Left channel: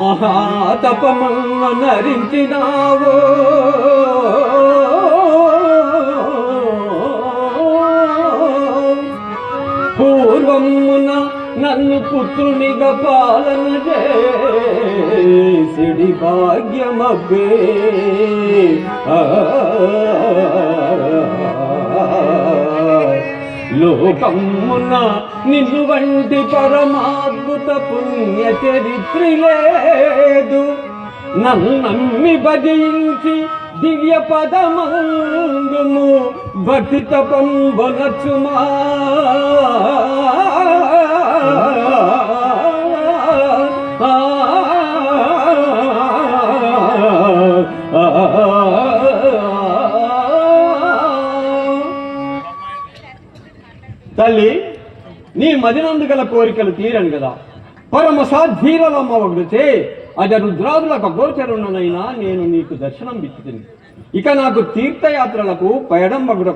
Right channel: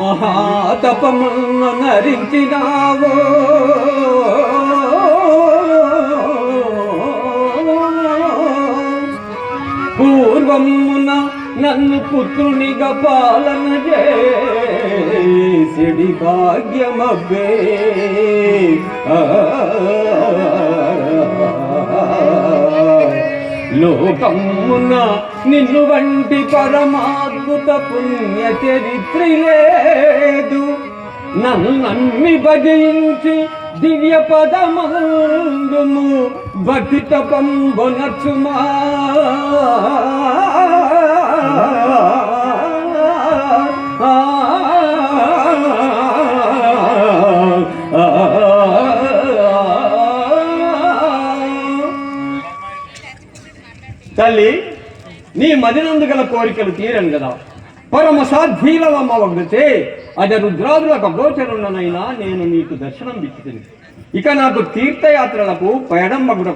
మహాతపమున్న నరించినావో. పూర్వమున నన్ను పుత్రునిగా పాలన చేసిడి భాగ్యమబ్బే. ఆ లోకమున నిన్ను వంటి పరమాద్భుత పుణ్య చరిత్రి లేదు. నన్ను నమ్మి భజించి దివ్య పదమందుము భక్తి తపం బొనచుమా తల్లి నీ మదినందు గల కోరికలు తీరను కదా. పరమ సాధ్వీలమవగచే అజ రుద్రాదులకు గోచరున్ననైనా నేను నీకు దర్శనం ఇచ్చింది ఇక నాకు తీర్థయాత్రలకు పయడంబగుడ